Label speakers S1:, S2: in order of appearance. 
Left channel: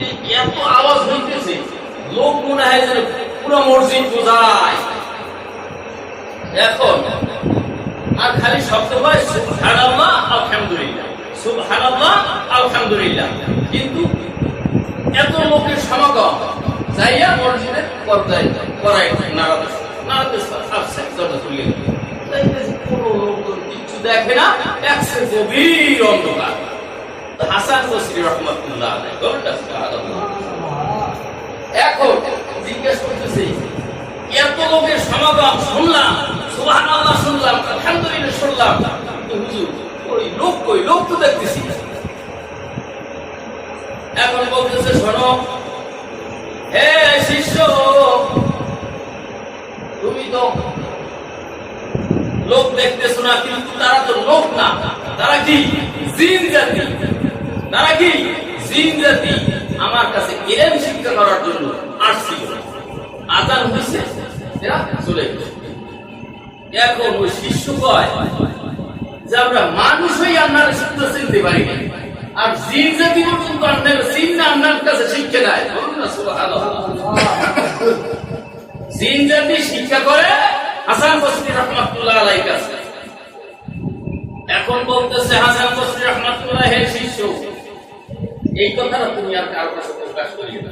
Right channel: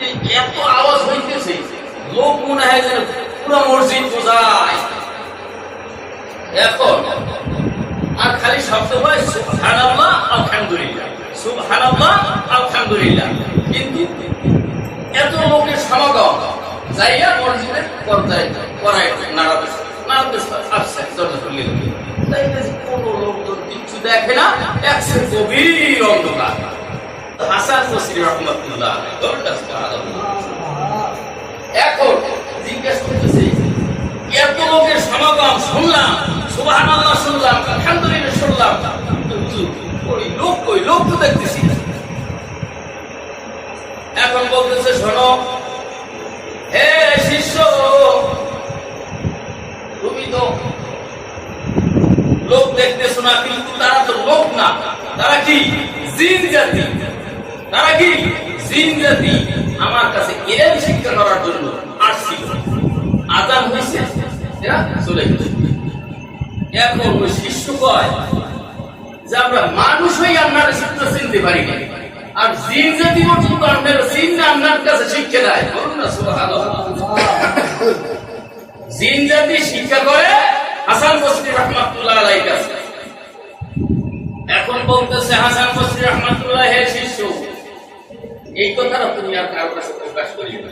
S1: এত আওয়াজ হইতেছে, লোক মনে হয় যেন পুরো মসজিদ বোঝায়। এখন, আর খালি শব্দ হয়, সুবহানাল্লাহ, আলহামদুলিল্লাহ। সুবহানাল্লাহ, আলহামদুলিল্লাহ। কিন্তু এত লোকের সমাগম যাইয়া মসজিদের পর্দায় করায় নাড়াতে নাড়াতে আসছে, দরজা খুলে গেল কোনো লোক তো কিচ্ছু দেখে না একসে গভীর অন্ধকার। হাসান বসরি রহমতুল্লাহ এখন জিজ্ঞেস করতেছি, এত লোকের সমাগম শুনলাম সুবাহ শুনলাম, আলহামদুলিল্লাহ শুনলাম। ওই লোক কই? লোক তো দেখতেছি এখন বলতেছে, শোনো, হে শিষ্য, তুমি তো লোক দেখতেছো না, কিন্তু তারা তো লোক না। তারা কি? জিন জাতি। তারা কি? জিন জাতি আমার কাছে এলেন শিক্ষা করার জন্য আসছিল। আজান হয়েছে এরা চলে গেছে। এখন ওই শিষ্য কয় যে, আমরা মানুষ হয়ে আপনার সত্য চিনতে পারি না আর জিন জাতি পর্যন্ত আপনার চিন না আপনার কাছে শিক্ষা দেয়। জিন জাতি শিক্ষা করে হাসান বসরি রহমাতুল্লাহ আলাই কাছে। এখন বলতেছে, হাসান বসরি রহমাতুল্লাহ, হে এই কথাটা তুমি আর কারও কাছে প্রকাশ করিয়ে না।